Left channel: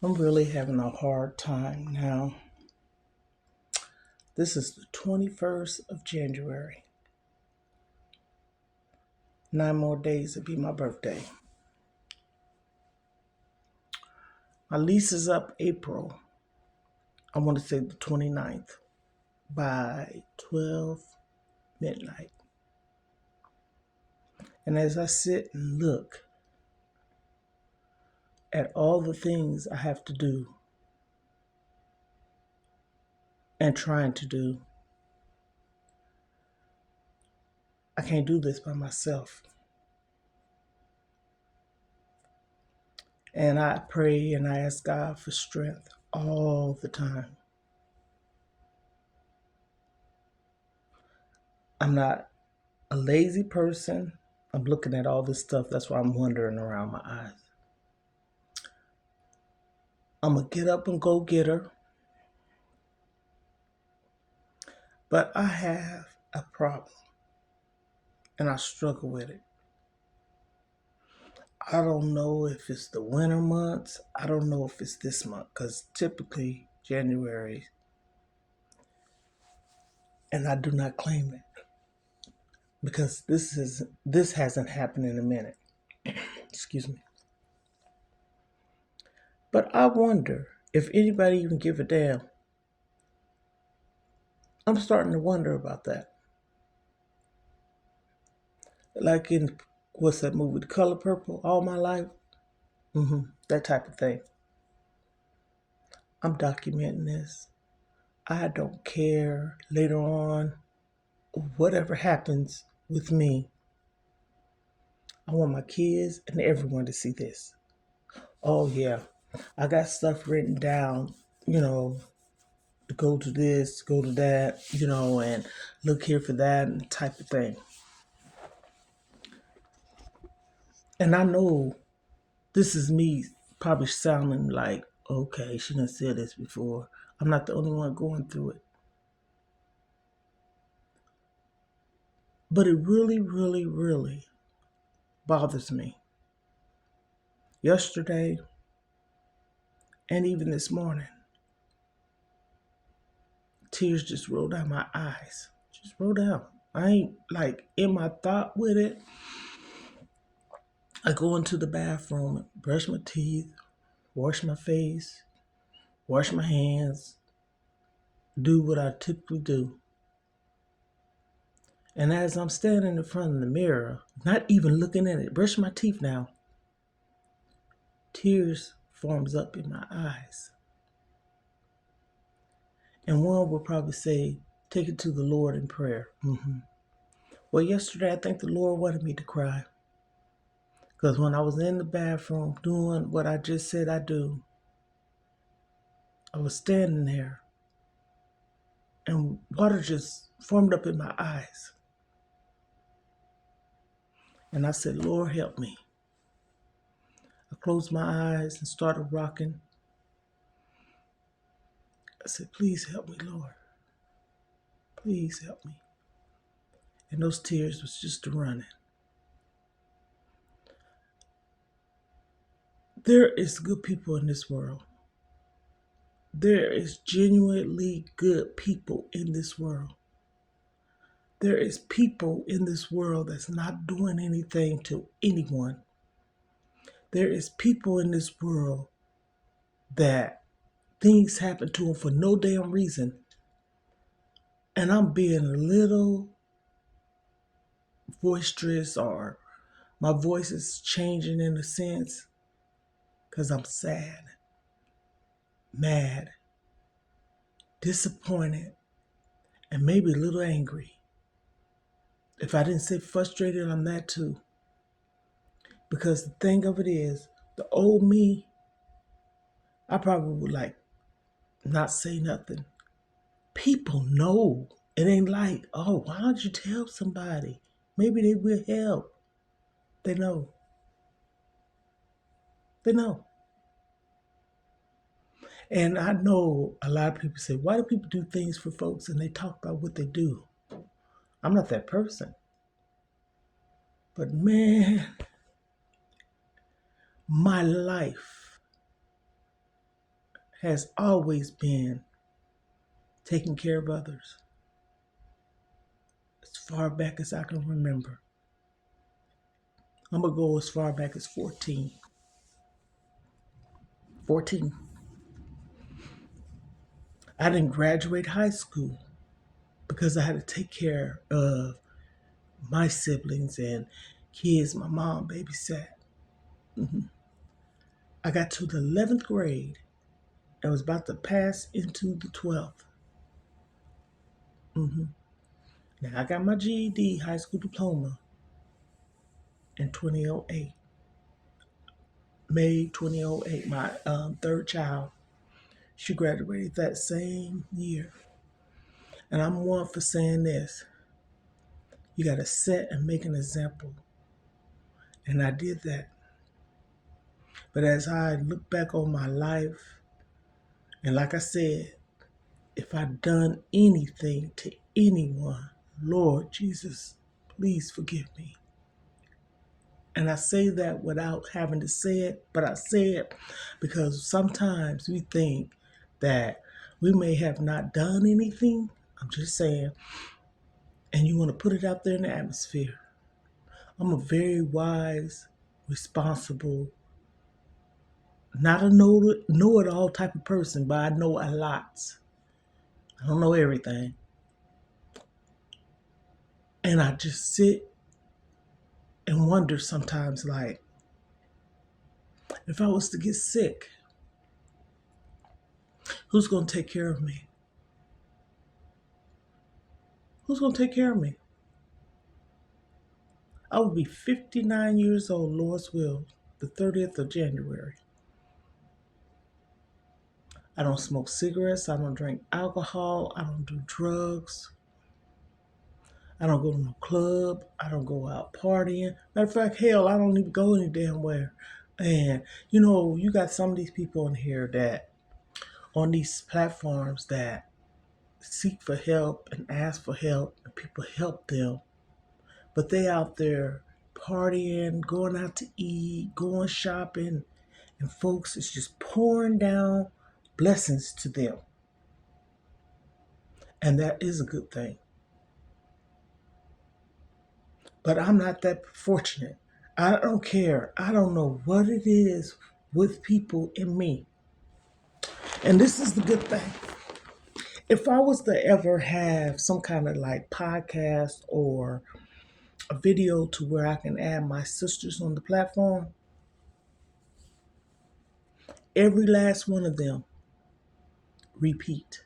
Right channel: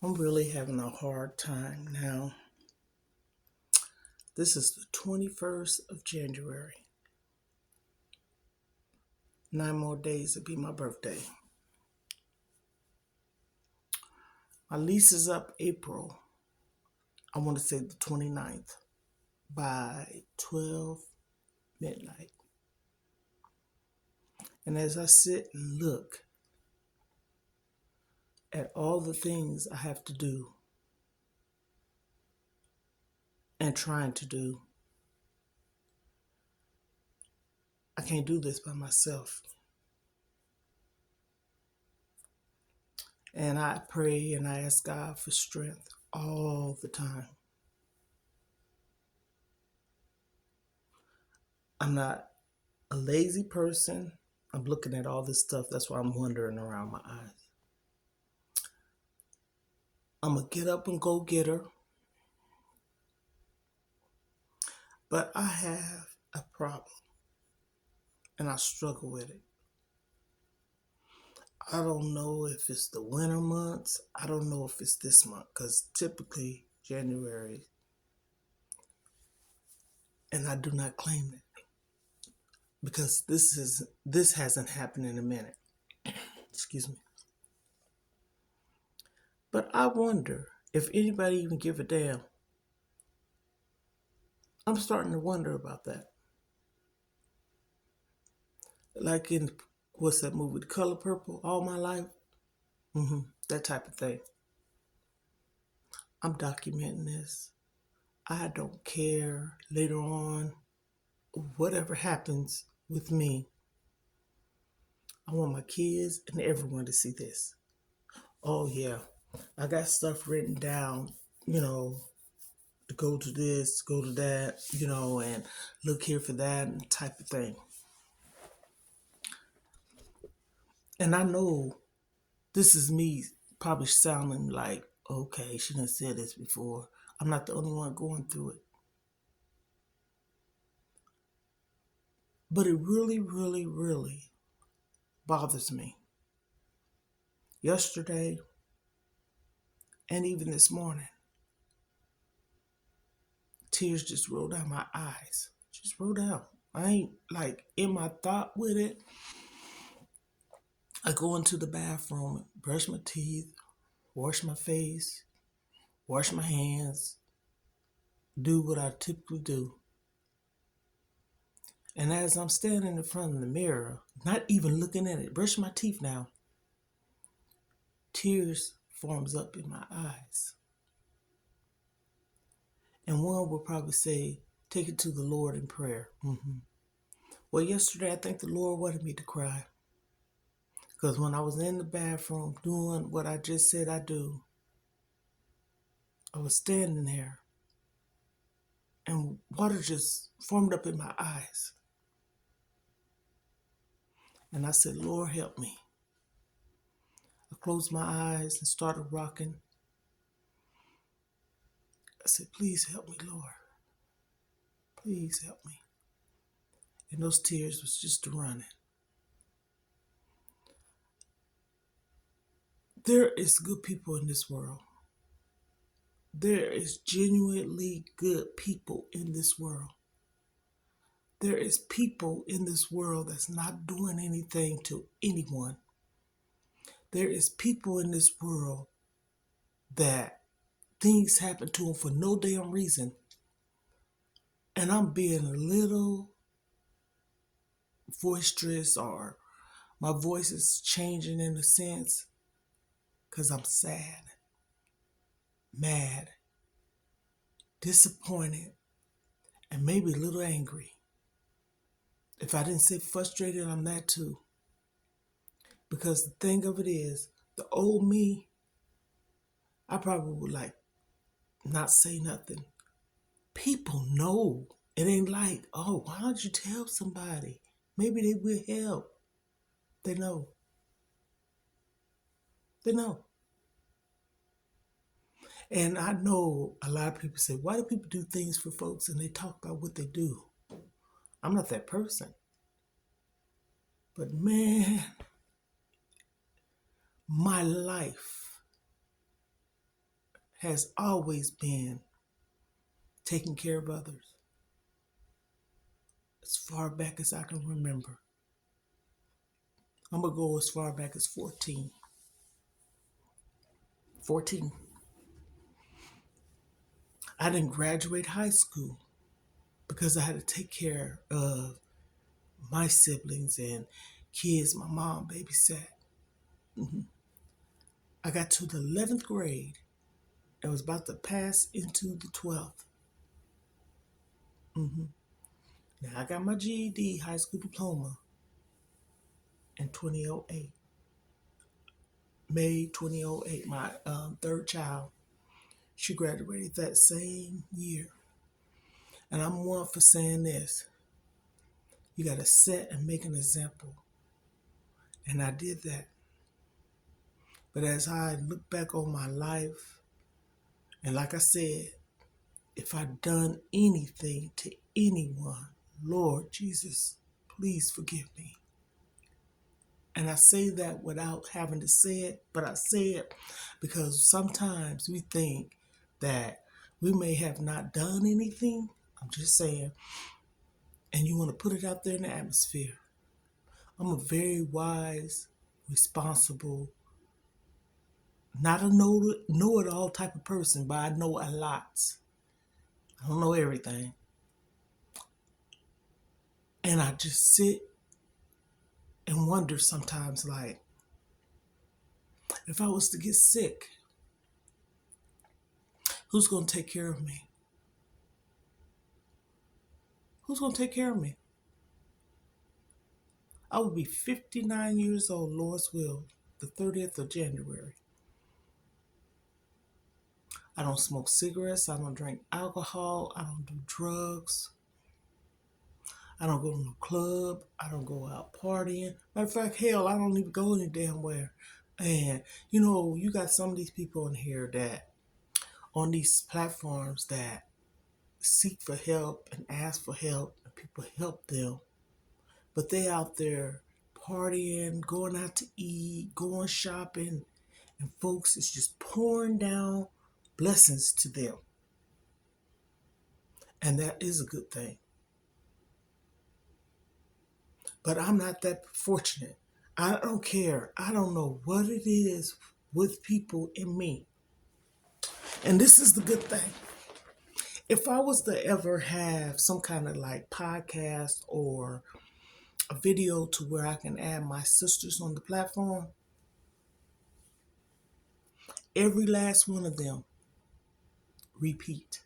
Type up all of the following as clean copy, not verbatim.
I'm really having a hard time now. This is the 21st of January. 9 more days to be my birthday. My lease is up April. I want to say the 29th by 12 midnight. And as I sit and look at all the things I have to do and trying to do, I can't do this by myself. And I pray and I ask God for strength all the time. I'm not a lazy person. I'm looking at all this stuff. That's why I'm wandering around my eyes. I'm going to get up and go get her. But I have a problem and I struggle with it. I don't know if it's the winter months. I don't know if it's this month because typically January, and I do not claim it because this hasn't happened in a minute. Excuse me. But I wonder if anybody even give a damn. I'm starting to wonder about that. Like in, what's that movie, The Color Purple, All My Life? That type of thing. I'm documenting this. I don't care later on, whatever happens with me. I want my kids and everyone to see this. Oh yeah, I got stuff written down, to go to this, go to that, and look here for that and type of thing. And I know this is me probably sounding like, okay, she done said this before. I'm not the only one going through it. But it really, really, really bothers me. Yesterday and even this morning, tears just rolled down my eyes. Just rolled down. I ain't like in my thought with it. I go into the bathroom, brush my teeth, wash my face, wash my hands, do what I typically do. And as I'm standing in front of the mirror, not even looking at it, brush my teeth now, tears forms up in my eyes. And one will probably say, take it to the Lord in prayer. Well, yesterday I think the Lord wanted me to cry. Because when I was in the bathroom doing what I just said I do, I was standing there and water just formed up in my eyes. And I said, Lord, help me. I closed my eyes and started rocking. I said, please help me, Lord. Please help me. And those tears was just running. There is good people in this world. There is genuinely good people in this world. There is people in this world that's not doing anything to anyone. There is people in this world that things happen to them for no damn reason. And I'm being a little boisterous, or my voice is changing in a sense because I'm sad, mad, disappointed, and maybe a little angry. If I didn't say frustrated, I'm that too. Because the thing of it is, the old me, I probably would not say nothing. People know. It ain't like, oh, why don't you tell somebody? Maybe they will help. They know. They know. And I know a lot of people say, why do people do things for folks and they talk about what they do? I'm not that person. But man, my life has always been taking care of others. As far back as I can remember. I'm going to go as far back as 14. 14. I didn't graduate high school because I had to take care of my siblings and kids my mom babysat. I got to the 11th grade and was about to pass into the 12th. Now I got my GED, high school diploma, in 2008. May 2008, my third child. She graduated that same year. And I'm one for saying this. You got to set and make an example. And I did that. But as I look back on my life, and like I said, if I've done anything to anyone, Lord Jesus, please forgive me. And I say that without having to say it, but I say it because sometimes we think that we may have not done anything. I'm just saying. And you want to put it out there in the atmosphere. I'm a very wise, responsible, not a know-it-all type of person, but I know a lot. I don't know everything. And I just sit and wonder sometimes, like, if I was to get sick, who's going to take care of me? Who's going to take care of me? I will be 59 years old, Lord's will, the 30th of January. I don't smoke cigarettes. I don't drink alcohol. I don't do drugs. I don't go to no club. I don't go out partying. Matter of fact, hell, I don't even go any damn where. And, you got some of these people in here that, on these platforms that seek for help and ask for help, and people help them. But they out there partying, going out to eat, going shopping, and folks is just pouring down blessings to them. And that is a good thing. But I'm not that fortunate. I don't care. I don't know what it is with people in me. And this is the good thing. If I was to ever have some kind of like podcast or a video to where I can add my sisters on the platform, every last one of them repeat.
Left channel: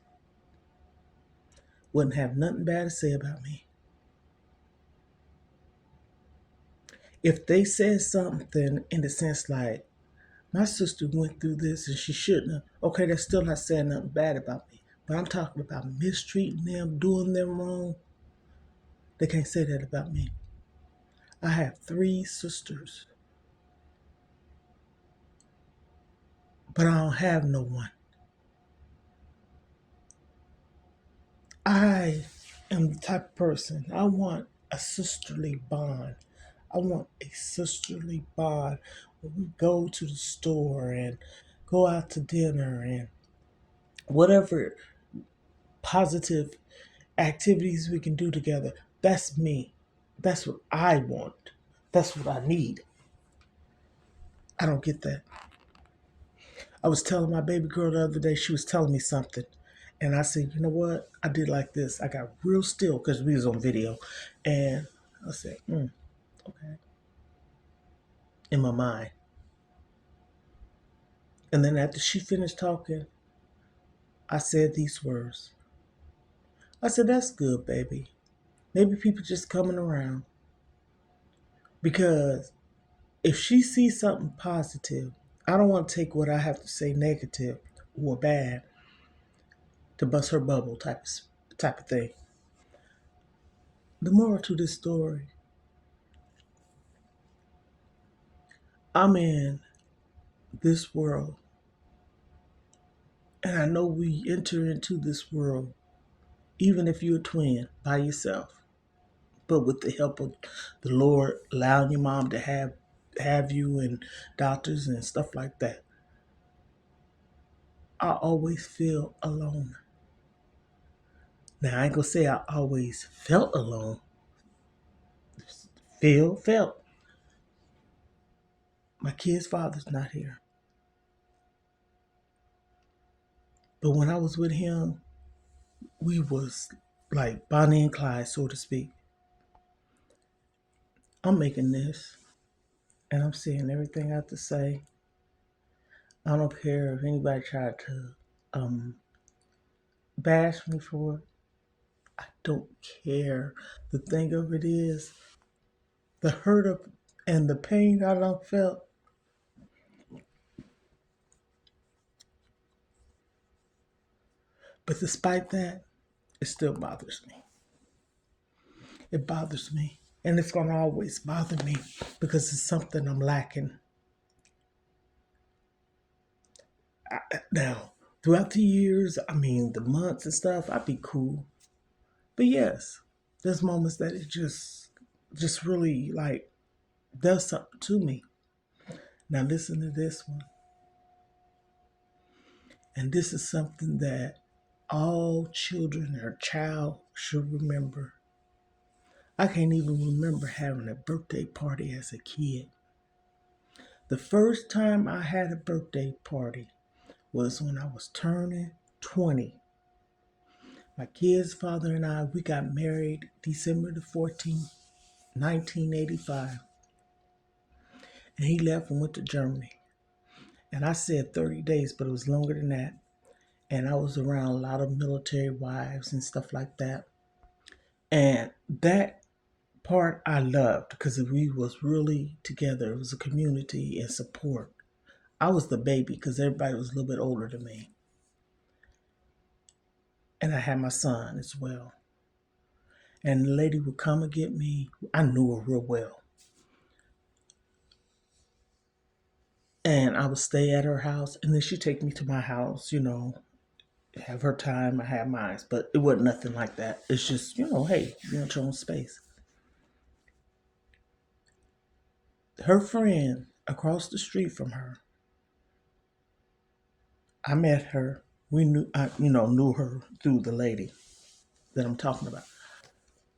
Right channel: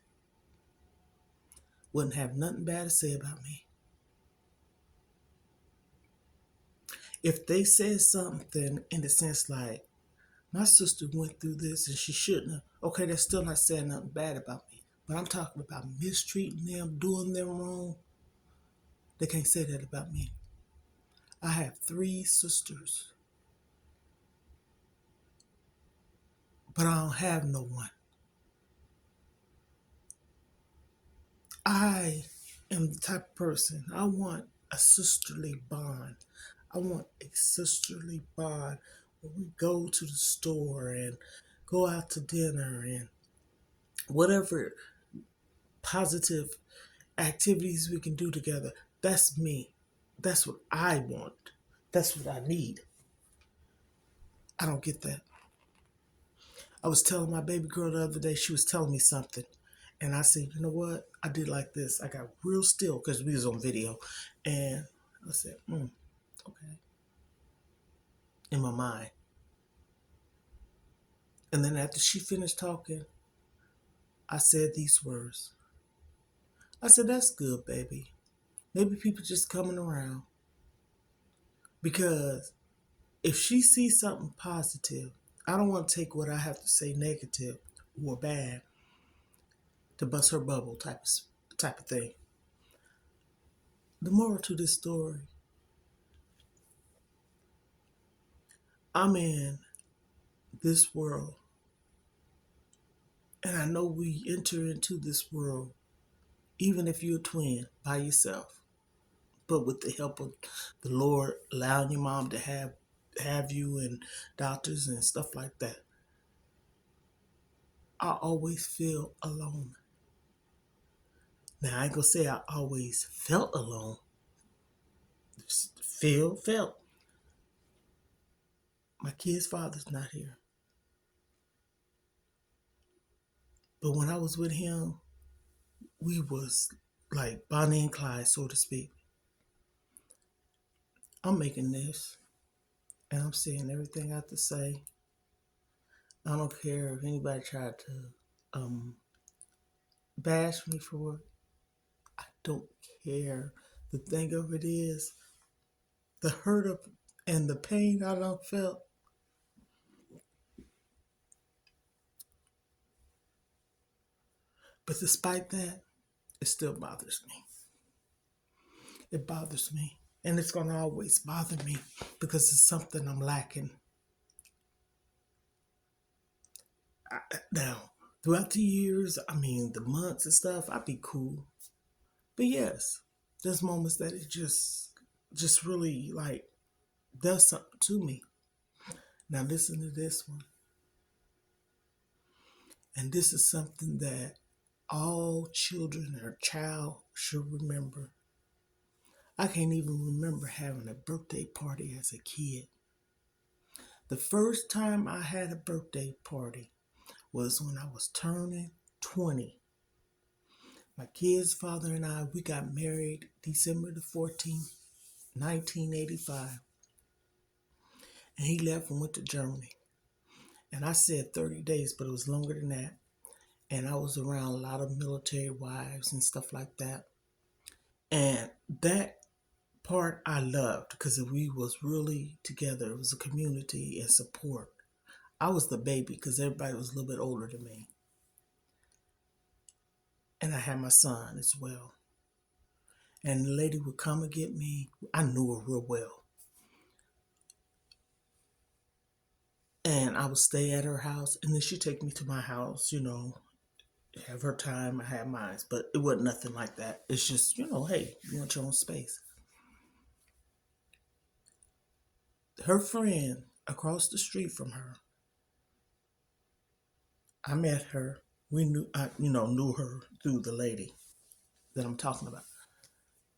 Wouldn't have nothing bad to say about me. If they said something in the sense like, my sister went through this and she shouldn't have, okay, they're still not saying nothing bad about me. But I'm talking about mistreating them, doing them wrong. They can't say that about me. I have 3 sisters, but I don't have no one. I am the type of person, I want a sisterly bond. I want a sisterly bond where we go to the store and go out to dinner and whatever positive activities we can do together. That's me. That's what I want. That's what I need. I don't get that. I was telling my baby girl the other day, she was telling me something. And I said, you know what? I did like this. I got real still because we was on video. And I said, okay. In my mind. And then after she finished talking, I said these words. I said, that's good, baby. Maybe people just coming around. Because if she sees something positive, I don't want to take what I have to say negative or bad to bust her bubble type of thing. The moral to this story, I'm in this world, and I know we enter into this world, even if you're a twin by yourself, but with the help of the Lord, allowing your mom to have you and doctors and stuff like that. I always feel alone. Now, I ain't gonna say I always felt alone. Felt. My kid's father's not here. But when I was with him, we was like Bonnie and Clyde, so to speak. I'm making this, and I'm saying everything I have to say. I don't care if anybody tried to bash me for it. I don't care. The thing of it is, the hurt of and the pain I done felt. But despite that, it still bothers me. It bothers me. And it's going to always bother me because it's something I'm lacking. Now, throughout the years, the months and stuff, I'd be cool. But yes, there's moments that it just really like does something to me. Now listen to this one. And this is something that all children or child should remember. I can't even remember having a birthday party as a kid. The first time I had a birthday party was when I was turning 20. My kid's father and I, we got married December the 14th, 1985. And he left and went to Germany. And I said 30 days, but it was longer than that. And I was around a lot of military wives and stuff like that. And that part I loved because we was really together. It was a community and support. I was the baby because everybody was a little bit older than me. And I had my son as well. And the lady would come and get me. I knew her real well. And I would stay at her house, and then she'd take me to my house, have her time, I had mine. But it wasn't nothing like that. It's just, hey, you want your own space. Her friend across the street from her, I met her. I knew her through the lady that I'm talking about.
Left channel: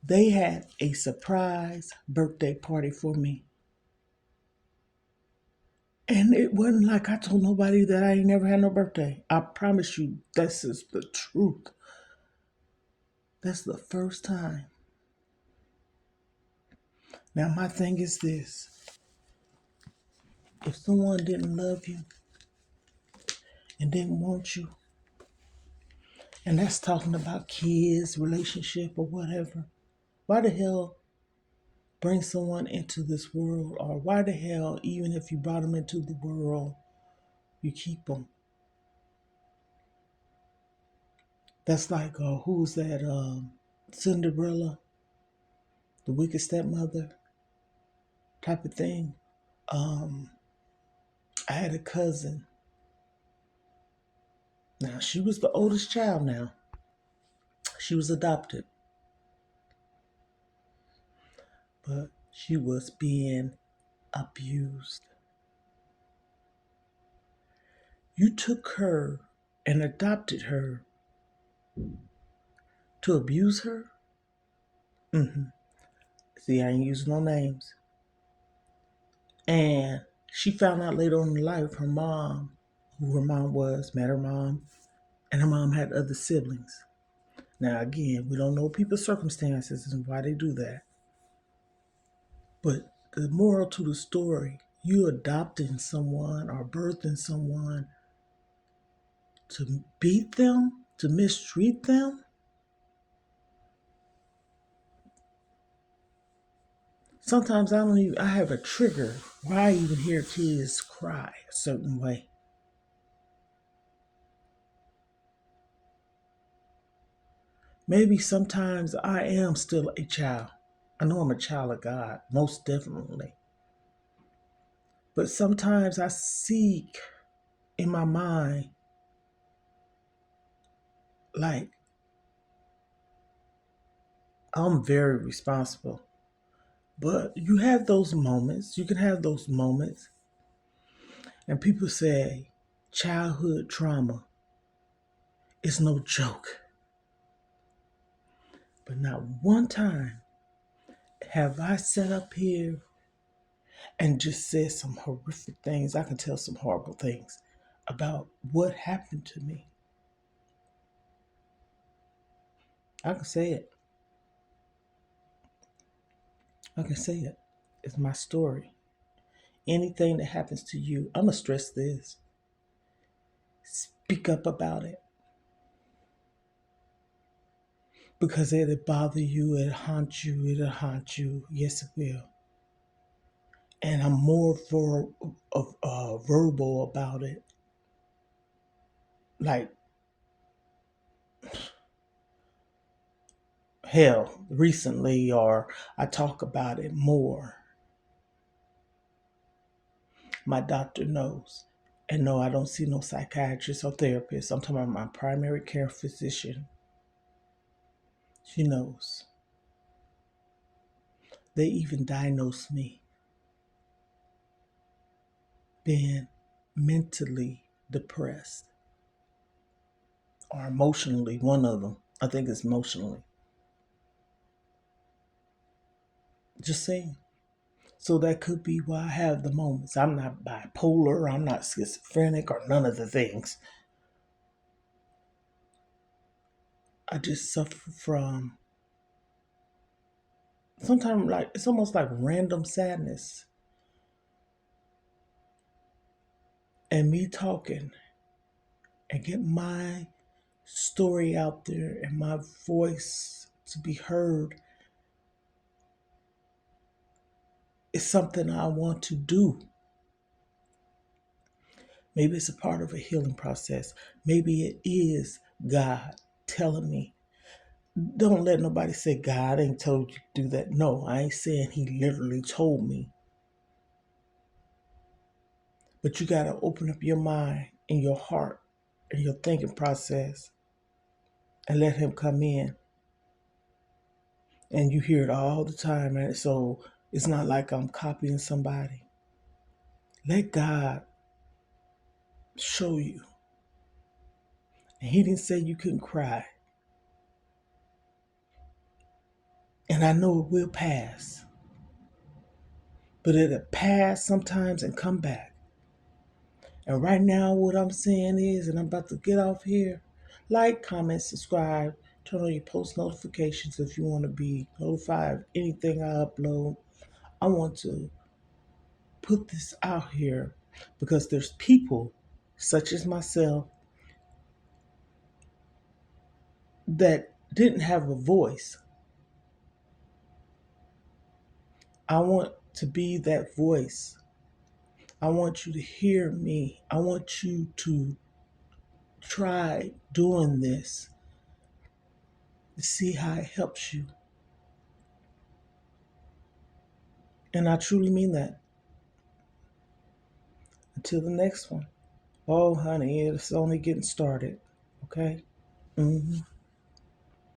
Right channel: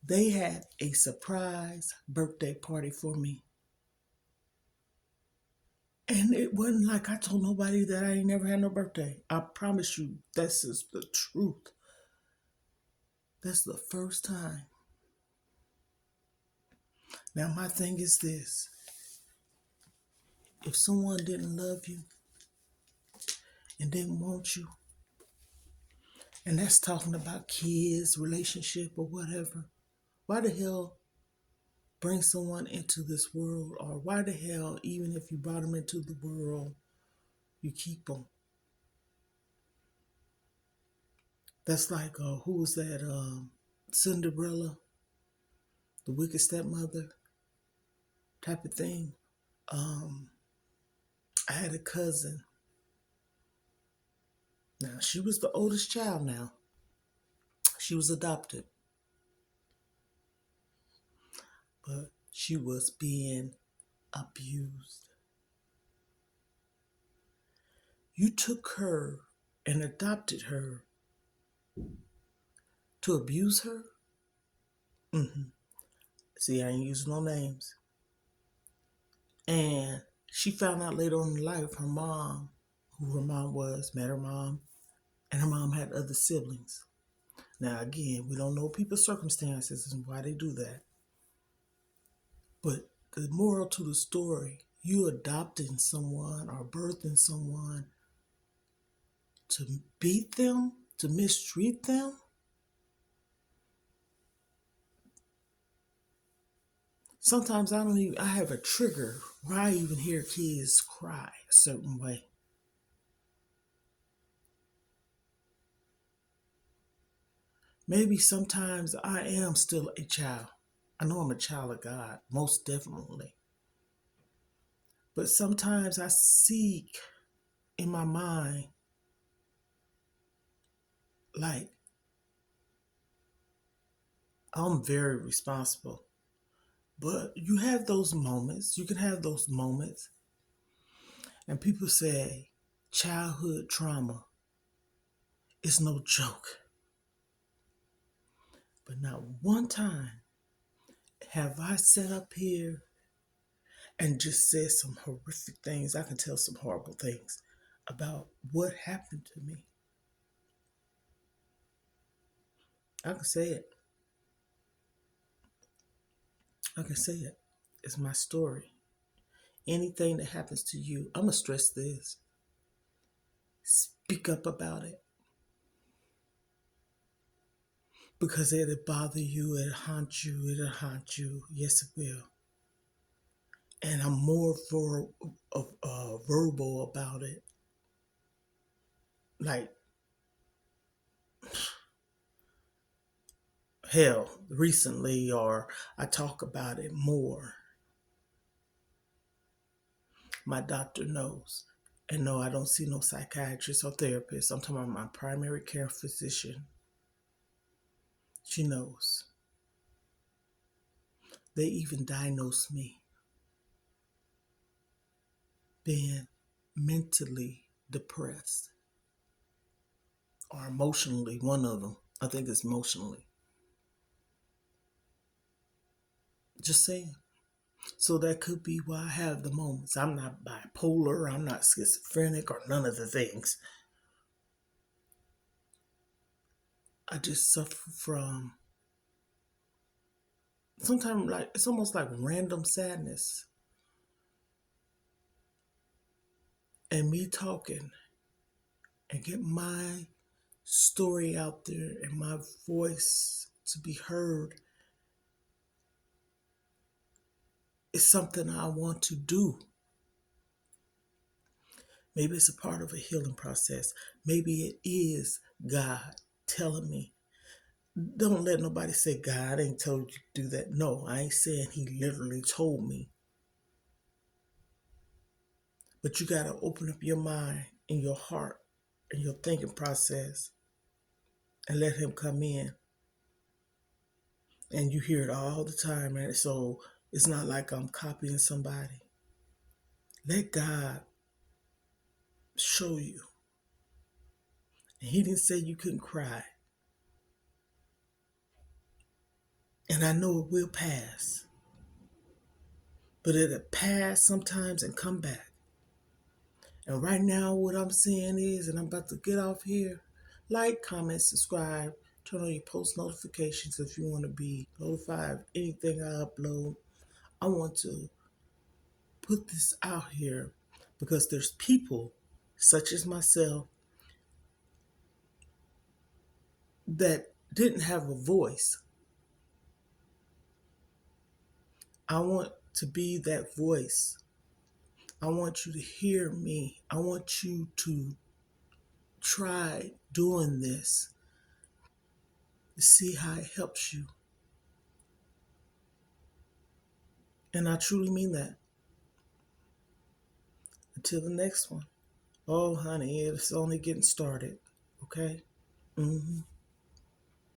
They had a surprise birthday party for me. And it wasn't like I told nobody that I ain't never had no birthday. I promise you, this is the truth. That's the first time. Now, my thing is this. If someone didn't love you and didn't want you, and that's talking about kids, relationship, or whatever, why the hell bring someone into this world? Or why the hell, even if you brought them into the world, you keep them? That's like, who's that? Cinderella, the wicked stepmother type of thing. I had a cousin. Now, she was the oldest child now. She was adopted. But she was being abused. You took her and adopted her to abuse her? See, I ain't using no names. And she found out later on in life her mom, who her mom was, met her mom, and her mom had other siblings. Now, again, we don't know people's circumstances and why they do that. But the moral to the story, you adopting someone or birthing someone to beat them, to mistreat them. Sometimes I have a trigger where I even hear kids cry a certain way. Maybe sometimes I am still a child. I know I'm a child of God, most definitely. But sometimes I seek in my mind, like, I'm very responsible. But you have those moments. You can have those moments. And people say childhood trauma. is no joke. But not one time have I sat up here and just said some horrific things. I can tell some horrible things about what happened to me. I can say it. I can say it. It's my story. Anything that happens to you, I'm going to stress this. Speak up about it. Because it'll bother you, it'll haunt you. Yes, it will. And I'm more verbal about it. Like, hell, recently, or I talk about it more. My doctor knows. And no, I don't see no psychiatrist or therapist. I'm talking about my primary care physician. She knows. They even diagnosed me being mentally depressed or emotionally. One of them. I think it's emotionally. Just saying. So that could be why I have the moments. I'm not bipolar, I'm not schizophrenic, or none of the things. I just suffer from sometimes, like, it's almost like random sadness. And me talking and get my story out there and my voice to be heard is something I want to do. Maybe it's a part of a healing process. Maybe it is God telling me. Don't let nobody say God ain't told you to do that. No, I ain't saying he literally told me. But you got to open up your mind and your heart and your thinking process and let him come in. And you hear it all the time. And so it's not like I'm copying somebody. Let God show you. And he didn't say you couldn't cry. And I know it will pass. But it'll pass sometimes and come back. And right now, what I'm saying is, and I'm about to get off here, like, comment, subscribe, turn on your post notifications if you want to be notified of anything I upload. I want to put this out here because there's people such as myself that didn't have a voice. I want to be that voice. I want you to hear me. I want you to try doing this to see how it helps you. And I truly mean that. Until the next one. Oh, honey, it's only getting started. Okay? Mm-hmm.